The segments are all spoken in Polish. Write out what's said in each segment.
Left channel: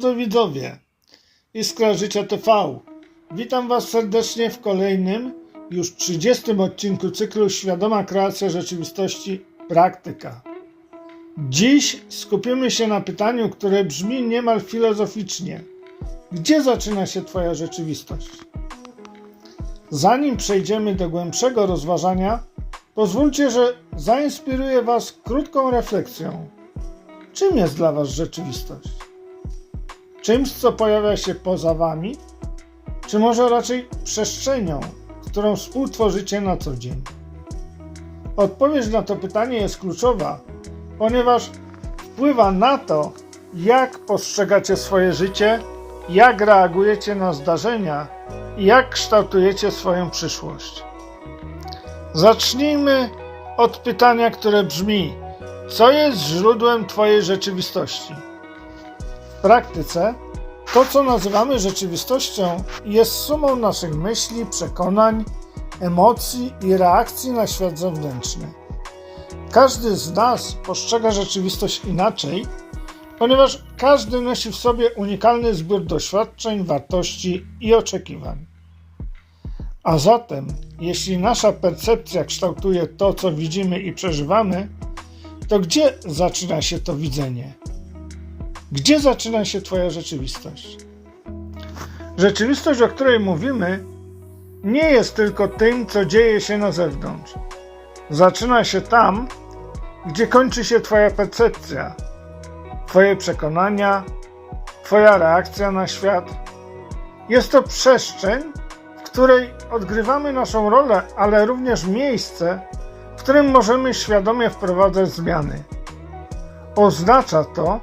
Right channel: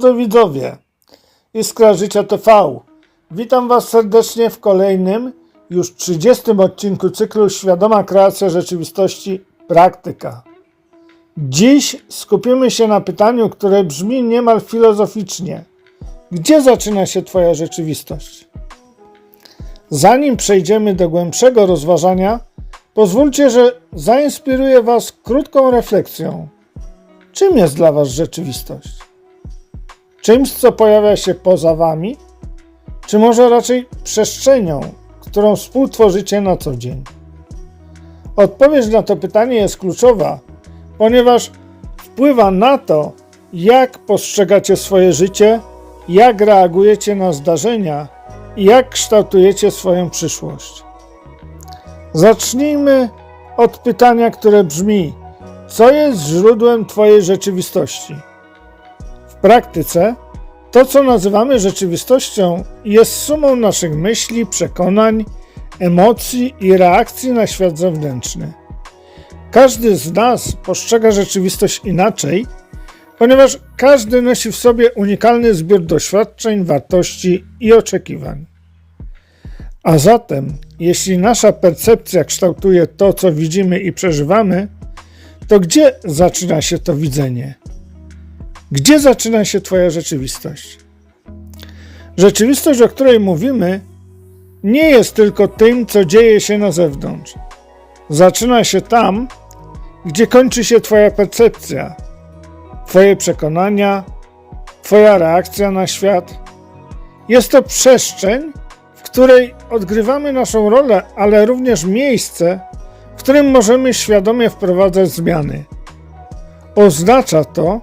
drodzy widzowie, Iskra Życia TV. Witam Was serdecznie w kolejnym, już 30 odcinku cyklu Świadoma Kreacja Rzeczywistości Praktyka. Dziś skupimy się na pytaniu, które brzmi niemal filozoficznie. Gdzie zaczyna się Twoja rzeczywistość? Zanim przejdziemy do głębszego rozważania, pozwólcie, że zainspiruję Was krótką refleksją. Czym jest dla Was rzeczywistość? Czymś, co pojawia się poza Wami? Czy może raczej przestrzenią, którą współtworzycie na co dzień? Odpowiedź na to pytanie jest kluczowa, ponieważ wpływa na to, jak postrzegacie swoje życie, jak reagujecie na zdarzenia i jak kształtujecie swoją przyszłość. Zacznijmy od pytania, które brzmi: co jest źródłem Twojej rzeczywistości? W praktyce to, co nazywamy rzeczywistością, jest sumą naszych myśli, przekonań, emocji i reakcji na świat zewnętrzny. Każdy z nas postrzega rzeczywistość inaczej, ponieważ każdy nosi w sobie unikalny zbiór doświadczeń, wartości i oczekiwań. A zatem, jeśli nasza percepcja kształtuje to, co widzimy i przeżywamy, to gdzie zaczyna się to widzenie? Gdzie zaczyna się Twoja rzeczywistość? Rzeczywistość, o której mówimy, nie jest tylko tym, co dzieje się na zewnątrz. Zaczyna się tam, gdzie kończy się Twoja percepcja, Twoje przekonania, Twoja reakcja na świat. Jest to przestrzeń, w której odgrywamy naszą rolę, ale również miejsce, w którym możemy świadomie wprowadzać zmiany. Oznacza to,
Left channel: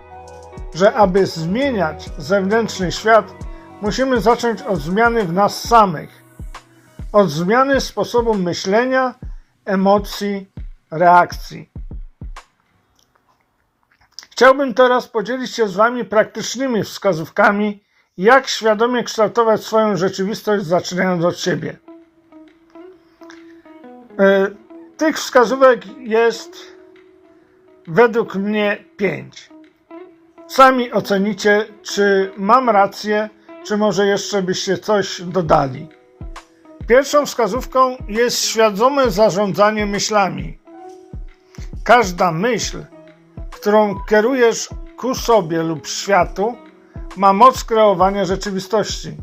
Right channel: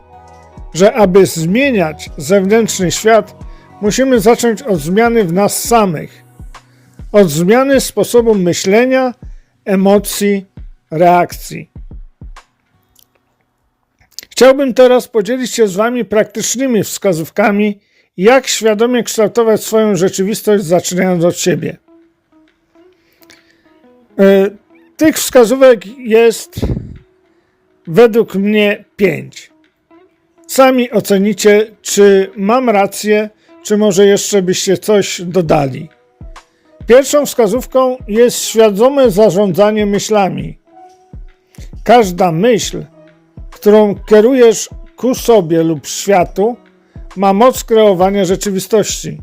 że aby zmieniać zewnętrzny świat, musimy zacząć od zmiany w nas samych, od zmiany sposobu myślenia, emocji, reakcji. Chciałbym teraz podzielić się z Wami praktycznymi wskazówkami, jak świadomie kształtować swoją rzeczywistość, zaczynając od siebie. E, tych wskazówek jest według mnie pięć. Sami ocenicie, czy mam rację, czy może jeszcze byście coś dodali. Pierwszą wskazówką jest świadome zarządzanie myślami. Każda myśl, którą kierujesz ku sobie lub światu, ma moc kreowania rzeczywistości.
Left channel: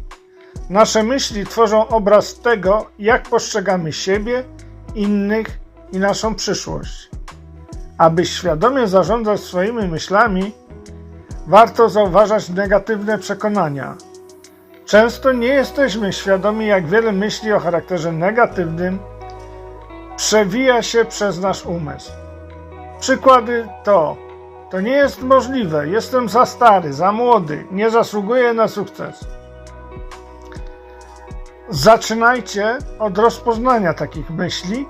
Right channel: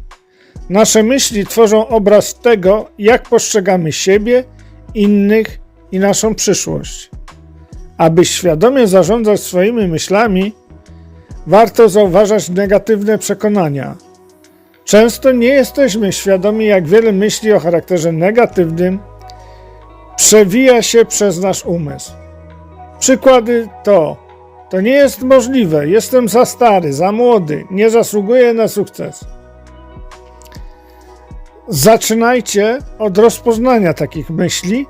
Nasze myśli tworzą obraz tego, jak postrzegamy siebie, innych i naszą przyszłość. Aby świadomie zarządzać swoimi myślami, warto zauważać negatywne przekonania. Często nie jesteśmy świadomi, jak wiele myśli o charakterze negatywnym przewija się przez nasz umysł. Przykłady to: To nie jest możliwe, jestem za stary, za młody, nie zasługuję na sukces. Zaczynajcie od rozpoznania takich myśli,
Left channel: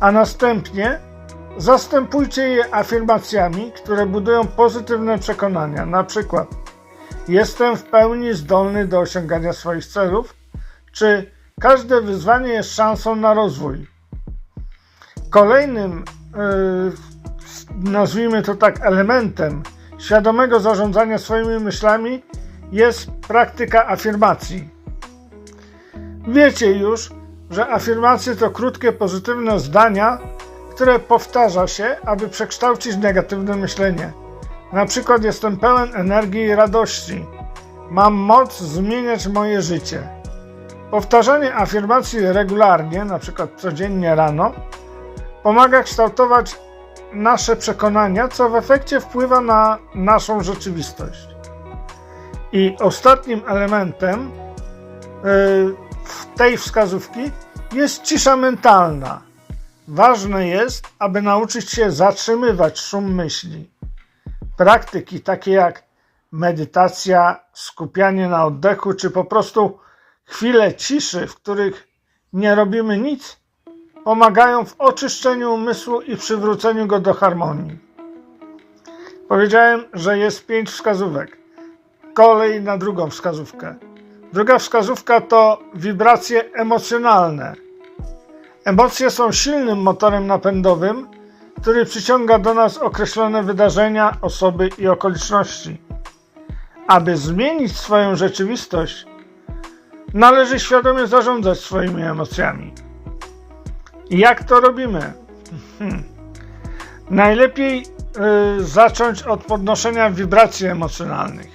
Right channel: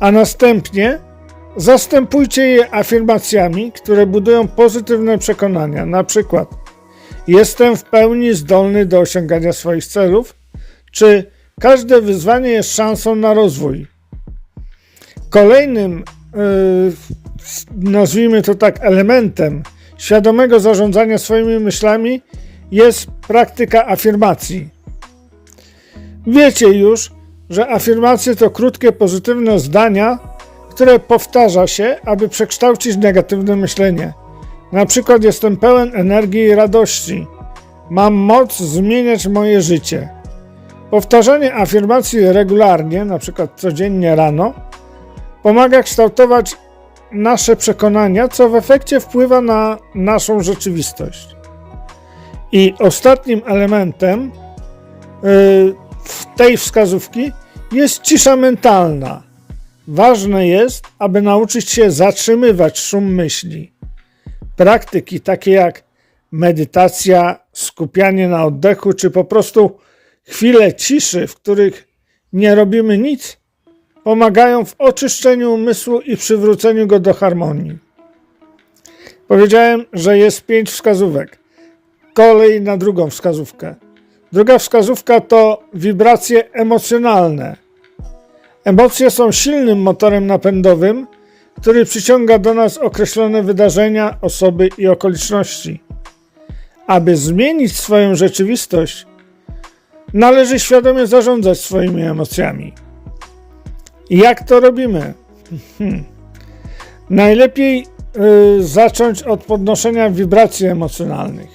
a następnie zastępujcie je afirmacjami, które budują pozytywne przekonania. Na przykład: Jestem w pełni zdolny do osiągania swoich celów, czy każde wyzwanie jest szansą na rozwój. Kolejnym, yy, nazwijmy to tak, elementem świadomego zarządzania swoimi myślami jest praktyka afirmacji. Wiecie już, że afirmacje to krótkie, pozytywne zdania, które powtarza się, aby przekształcić negatywne myślenie. Na przykład jestem pełen energii i radości. Mam moc zmieniać moje życie. Powtarzanie afirmacji regularnie, na przykład codziennie rano, pomaga kształtować nasze przekonania, co w efekcie wpływa na naszą rzeczywistość. I ostatnim elementem yy, tej wskazówki jest cisza mentalna. Ważne jest, aby nauczyć się zatrzymywać szum myśli. Praktyki takie jak medytacja, skupianie na oddechu, czy po prostu chwile ciszy, w których nie robimy nic, pomagają w oczyszczeniu umysłu i przywróceniu go do harmonii. Powiedziałem, że jest pięć wskazówek. Kolej na drugą wskazówkę. Druga wskazówka to wibracje emocjonalne. Emocje są silnym motorem napędowym, który przyciąga do nas określone wydarzenia, osoby i okoliczności. Aby zmienić swoją rzeczywistość, należy świadomie zarządzać swoimi emocjami. Jak to robimy? Hmm. Najlepiej y, zacząć od podnoszenia wibracji emocjonalnych.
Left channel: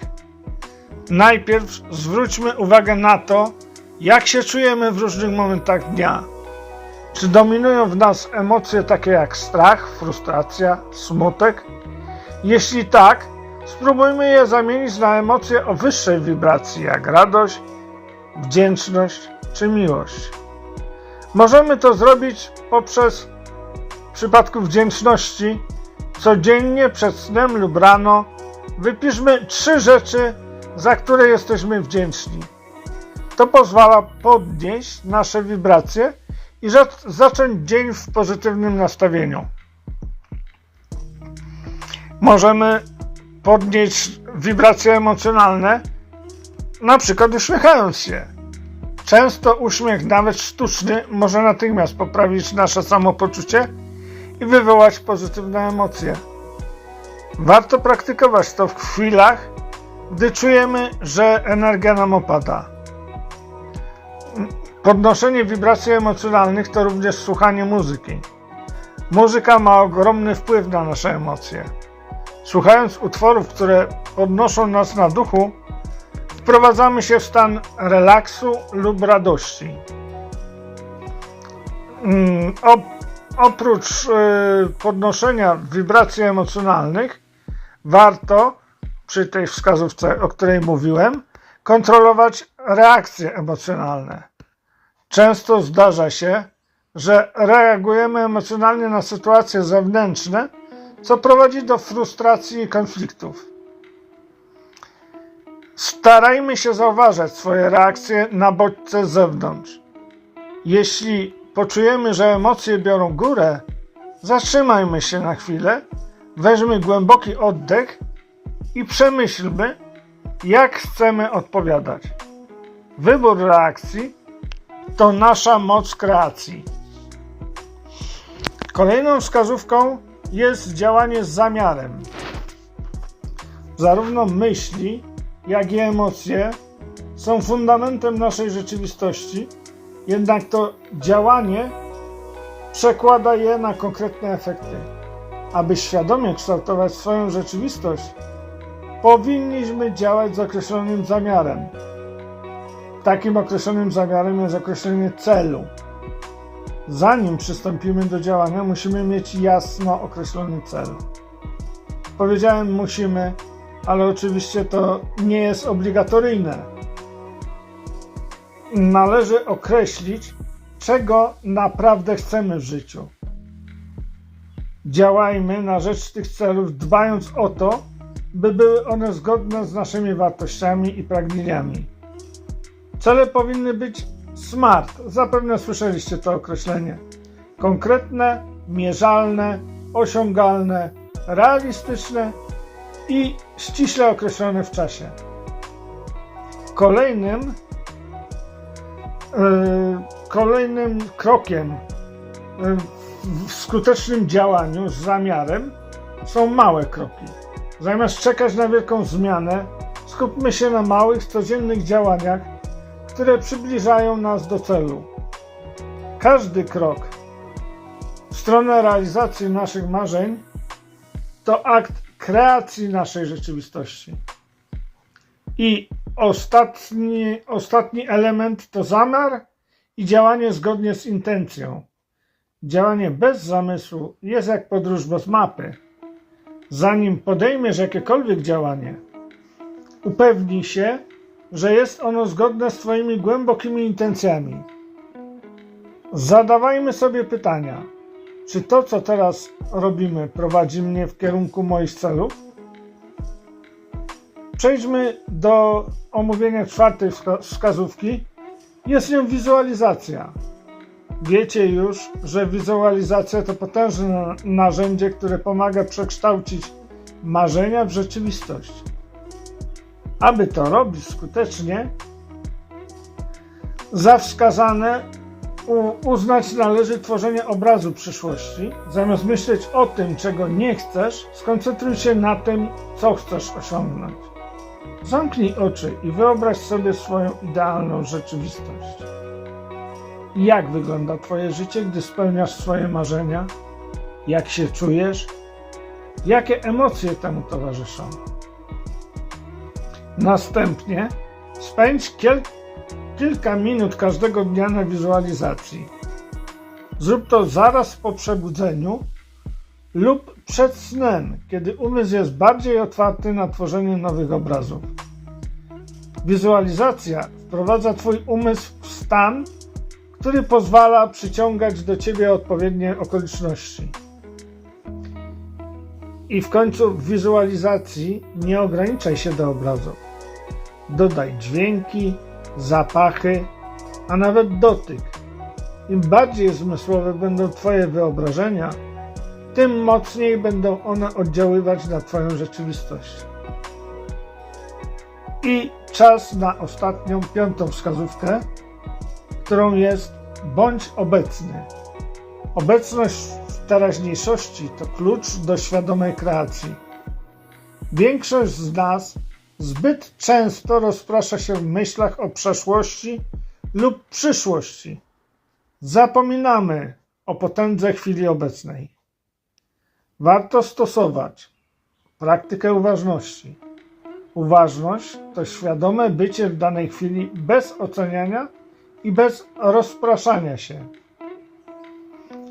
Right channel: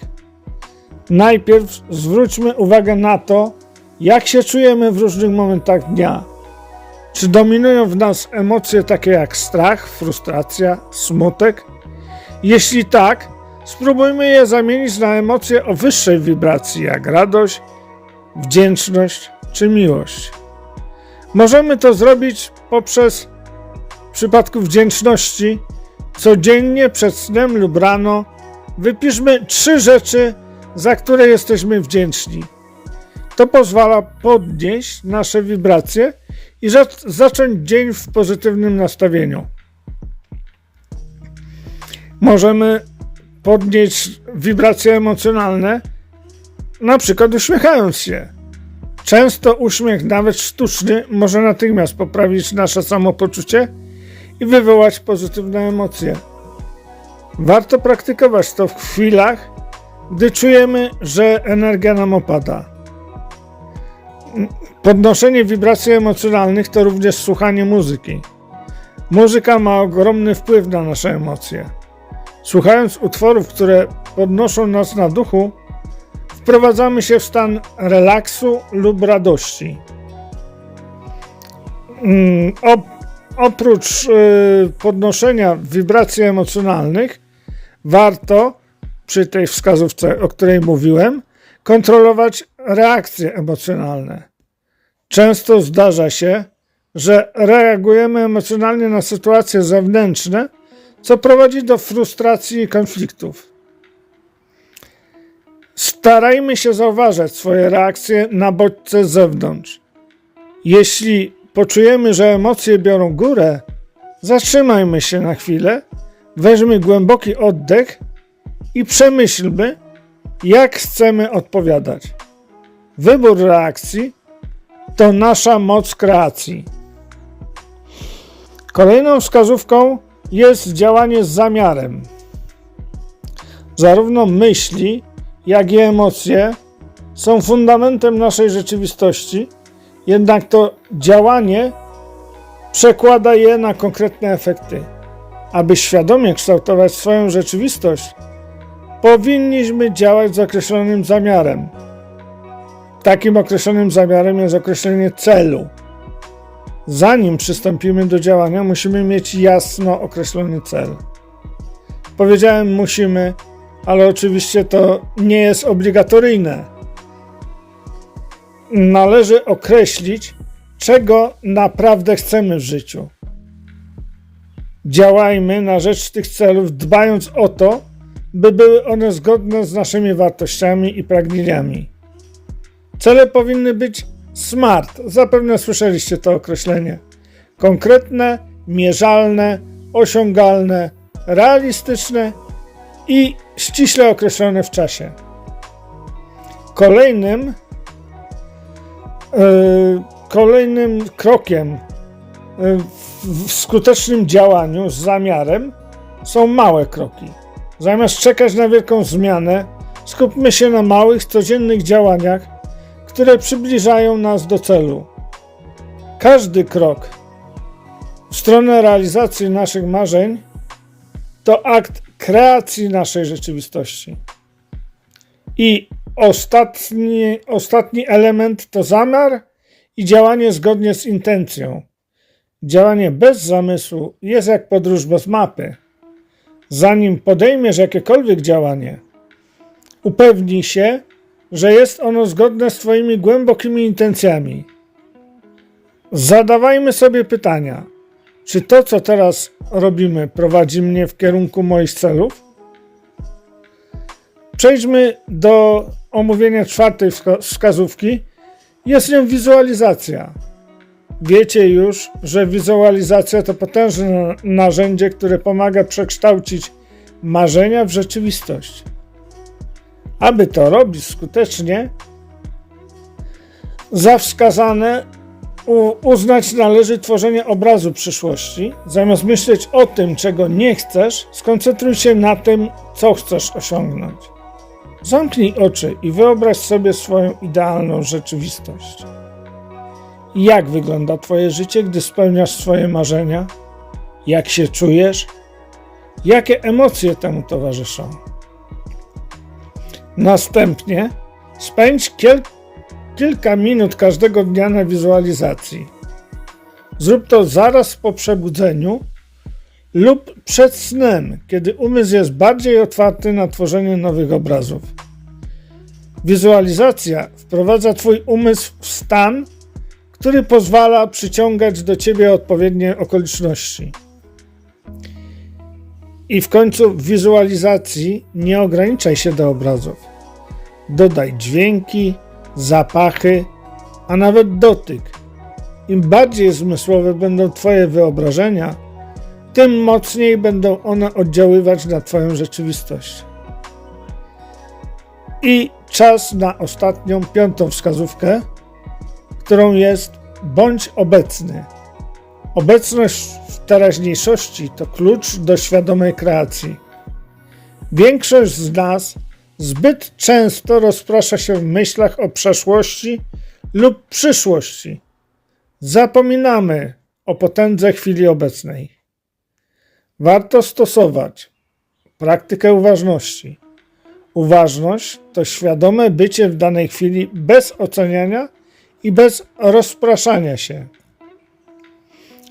Najpierw zwróćmy uwagę na to, jak się czujemy w różnych momentach dnia. Czy dominują w nas emocje takie jak strach, frustracja, smutek? Jeśli tak, spróbujmy je zamienić na emocje o wyższej wibracji, jak radość, wdzięczność czy miłość. Możemy to zrobić poprzez w przypadku wdzięczności codziennie przed snem lub rano wypiszmy trzy rzeczy, za które jesteśmy wdzięczni. To pozwala podnieść nasze wibracje i za- zacząć dzień w pozytywnym nastawieniu. Możemy podnieść wibracje emocjonalne, na przykład uśmiechając się. Często uśmiech, nawet sztuczny, może natychmiast poprawić nasze samopoczucie i wywołać pozytywne emocje. Warto praktykować to w chwilach, gdy czujemy, że energia nam opada. Podnoszenie wibracji emocjonalnych to również słuchanie muzyki. Muzyka ma ogromny wpływ na nasze emocje. Słuchając utworów, które podnoszą nas na duchu, wprowadzamy się w stan relaksu lub radości. Mm, op- oprócz y, podnoszenia wibracji emocjonalnych, warto przy tej wskazówce, o której mówiłem, kontrolować reakcje emocjonalne. Często zdarza się, że reagujemy emocjonalnie na sytuacje zewnętrzne, co prowadzi do frustracji i konfliktów. Starajmy się zauważać swoje reakcje na bodźce z zewnątrz. Jeśli poczujemy, że emocje biorą górę, zatrzymajmy się na chwilę, weźmy głęboki oddech i przemyślmy, jak chcemy odpowiadać. Wybór reakcji to nasza moc kreacji. Kolejną wskazówką jest działanie z zamiarem. Zarówno myśli, jak i emocje są fundamentem naszej rzeczywistości, jednak to działanie przekłada je na konkretne efekty. Aby świadomie kształtować swoją rzeczywistość, powinniśmy działać z określonym zamiarem. Takim określonym zamiarem jest określenie celu. Zanim przystąpimy do działania, musimy mieć jasno określony cel. Powiedziałem musimy, ale oczywiście to nie jest obligatoryjne. Należy określić, czego naprawdę chcemy w życiu. Działajmy na rzecz tych celów, dbając o to, by były one zgodne z naszymi wartościami i pragnieniami. Cele powinny być SMART. Zapewne słyszeliście to określenie. Konkretne, mierzalne, osiągalne, realistyczne i ściśle określone w czasie. Kolejnym, yy, kolejnym krokiem w- w skutecznym działaniu z zamiarem są małe kroki. Zamiast czekać na wielką zmianę, skupmy się na małych, codziennych działaniach, które przybliżają nas do celu. Każdy krok w stronę realizacji naszych marzeń to akt kreacji naszej rzeczywistości. I ostatni, ostatni element to zamiar i działanie zgodnie z intencją. Działanie bez zamysłu jest jak podróż bez mapy. Zanim podejmiesz jakiekolwiek działanie, upewnij się, że jest ono zgodne z Twoimi głębokimi intencjami. Zadawajmy sobie pytania: czy to, co teraz robimy, prowadzi mnie w kierunku moich celów? Przejdźmy do omówienia czwartej wska- wskazówki. Jest nią wizualizacja. Wiecie już, że wizualizacja to potężne na- narzędzie, które pomaga przekształcić marzenia w rzeczywistość. Aby to robić skutecznie, za wskazane uznać należy tworzenie obrazu przyszłości. Zamiast myśleć o tym, czego nie chcesz, skoncentruj się na tym, co chcesz osiągnąć. Zamknij oczy i wyobraź sobie swoją idealną rzeczywistość. Jak wygląda Twoje życie, gdy spełniasz swoje marzenia? Jak się czujesz? Jakie emocje temu towarzyszą? Następnie spędź kiel- kilka minut każdego dnia na wizualizacji. Zrób to zaraz po przebudzeniu lub przed snem, kiedy umysł jest bardziej otwarty na tworzenie nowych obrazów. Wizualizacja wprowadza Twój umysł w stan, który pozwala przyciągać do Ciebie odpowiednie okoliczności. I w końcu w wizualizacji nie ograniczaj się do obrazów. Dodaj dźwięki, zapachy, a nawet dotyk. Im bardziej zmysłowe będą Twoje wyobrażenia, tym mocniej będą one oddziaływać na Twoją rzeczywistość. I czas na ostatnią, piątą wskazówkę, którą jest bądź obecny. Obecność w teraźniejszości to klucz do świadomej kreacji. Większość z nas zbyt często rozprasza się w myślach o przeszłości lub przyszłości. Zapominamy o potędze chwili obecnej. Warto stosować praktykę uważności. Uważność to świadome bycie w danej chwili bez oceniania i bez rozpraszania się.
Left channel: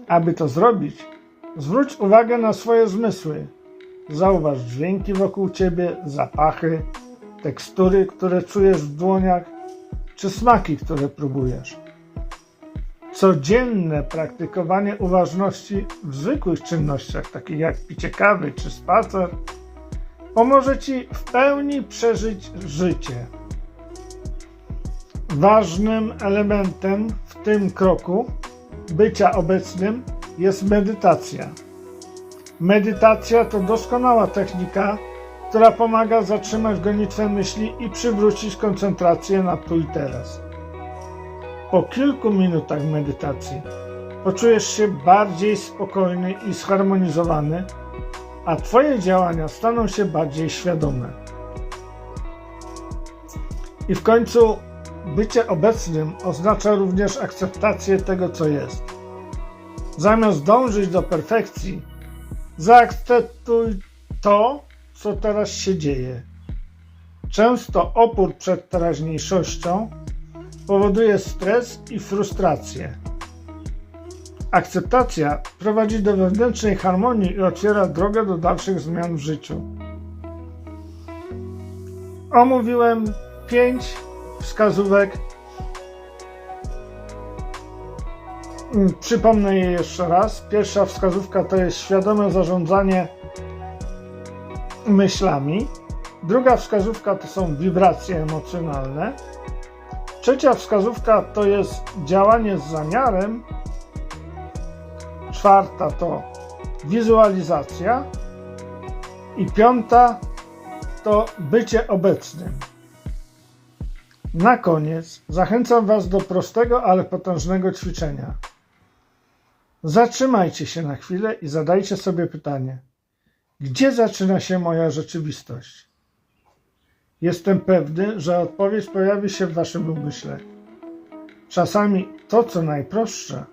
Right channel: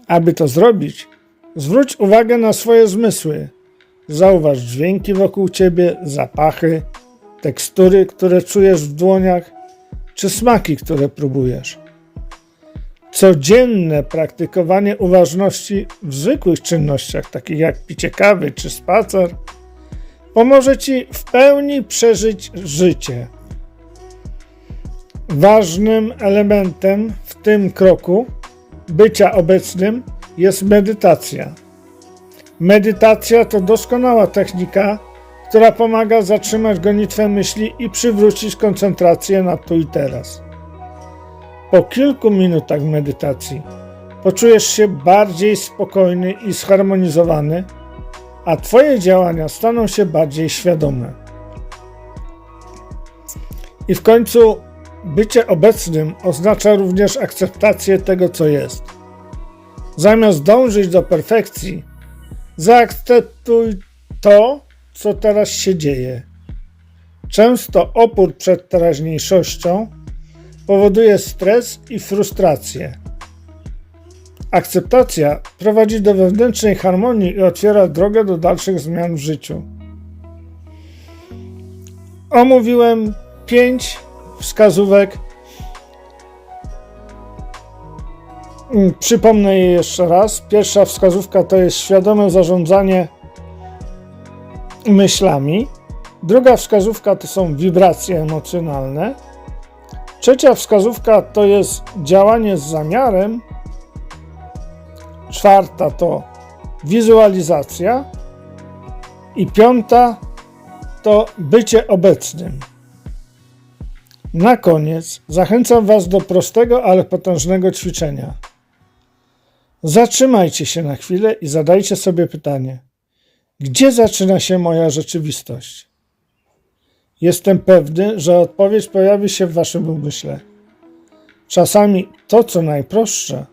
Aby to zrobić, zwróć uwagę na swoje zmysły. Zauważ dźwięki wokół ciebie, zapachy, tekstury, które czujesz w dłoniach, czy smaki, które próbujesz. Codzienne praktykowanie uważności w zwykłych czynnościach, takich jak picie kawy czy spacer, pomoże ci w pełni przeżyć życie. Ważnym elementem w tym kroku bycia obecnym jest medytacja. Medytacja to doskonała technika, która pomaga zatrzymać gonitwę myśli i przywrócić koncentrację na tu i teraz. Po kilku minutach medytacji poczujesz się bardziej spokojny i zharmonizowany, a Twoje działania staną się bardziej świadome. I w końcu bycie obecnym oznacza również akceptację tego, co jest. Zamiast dążyć do perfekcji, zaakceptuj to, co teraz się dzieje. Często opór przed teraźniejszością powoduje stres i frustrację. Akceptacja prowadzi do wewnętrznej harmonii i otwiera drogę do dalszych zmian w życiu. Omówiłem pięć wskazówek. Przypomnę je jeszcze raz. Pierwsza wskazówka to jest świadome zarządzanie myślami. Druga wskazówka to są wibracje emocjonalne. Trzecia wskazówka to jest działanie z zamiarem. Czwarta to wizualizacja. I piąta to bycie obecnym. Na koniec zachęcam Was do prostego, ale potężnego ćwiczenia. Zatrzymajcie się na chwilę i zadajcie sobie pytanie: gdzie zaczyna się moja rzeczywistość? Jestem pewny, że odpowiedź pojawi się w Waszym umyśle. Czasami to, co najprostsze,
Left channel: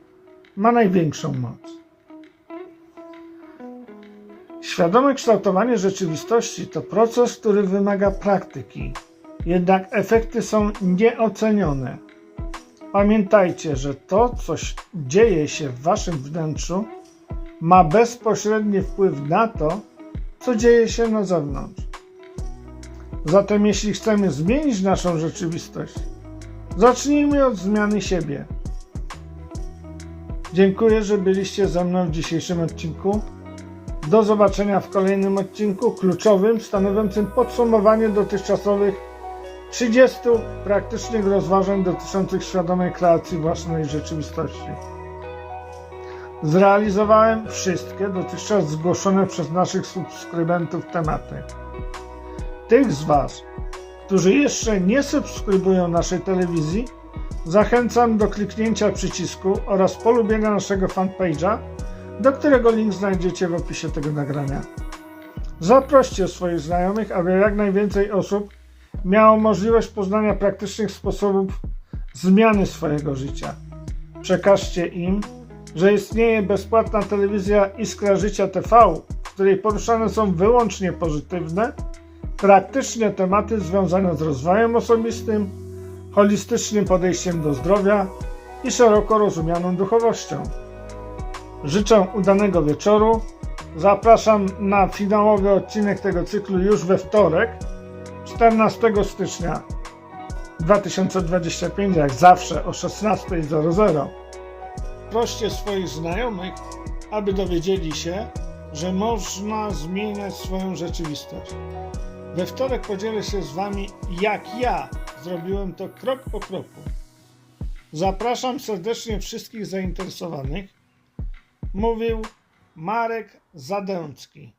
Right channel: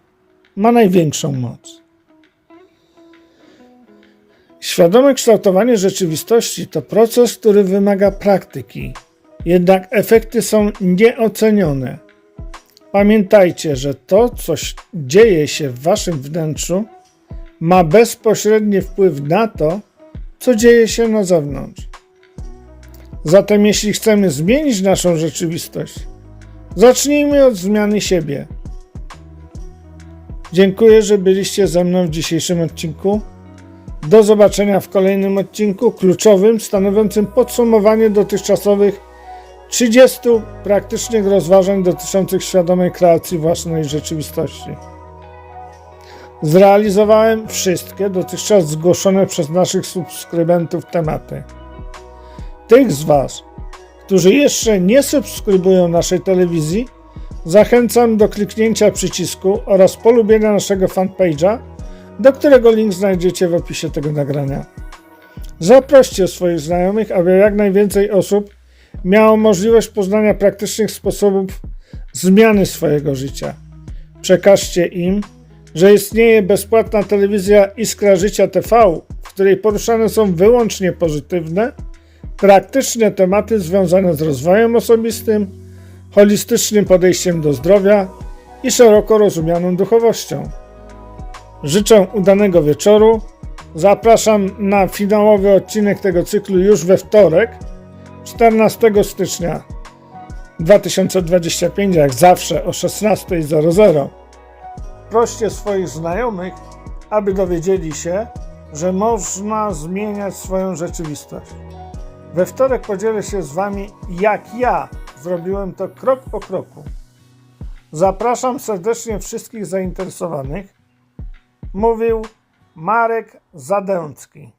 ma największą moc. Świadome kształtowanie rzeczywistości to proces, który wymaga praktyki, jednak efekty są nieocenione. Pamiętajcie, że to, co dzieje się w Waszym wnętrzu, ma bezpośredni wpływ na to, co dzieje się na zewnątrz. Zatem, jeśli chcemy zmienić naszą rzeczywistość, zacznijmy od zmiany siebie. Dziękuję, że byliście ze mną w dzisiejszym odcinku. Do zobaczenia w kolejnym odcinku kluczowym, stanowiącym podsumowanie dotychczasowych 30 praktycznych rozważań dotyczących świadomej kreacji własnej rzeczywistości. Zrealizowałem wszystkie dotychczas zgłoszone przez naszych subskrybentów tematy. Tych z Was, którzy jeszcze nie subskrybują naszej telewizji, zachęcam do kliknięcia przycisku oraz polubienia naszego fanpage'a, do którego link znajdziecie w opisie tego nagrania. Zaproście swoich znajomych, aby jak najwięcej osób miało możliwość poznania praktycznych sposobów zmiany swojego życia. Przekażcie im, że istnieje bezpłatna telewizja Iskra Życia TV, w której poruszane są wyłącznie pozytywne, praktyczne tematy związane z rozwojem osobistym, holistycznym podejściem do zdrowia i szeroko rozumianą duchowością. Życzę udanego wieczoru. Zapraszam na finałowy odcinek tego cyklu już we wtorek, 14 stycznia 2025, jak zawsze o 16.00. Proście swoich znajomych, aby dowiedzieli się, że można zmieniać swoją rzeczywistość. We wtorek podzielę się z Wami, jak ja zrobiłem to krok po kroku. Zapraszam serdecznie wszystkich zainteresowanych. Mówił Marek Zadęcki.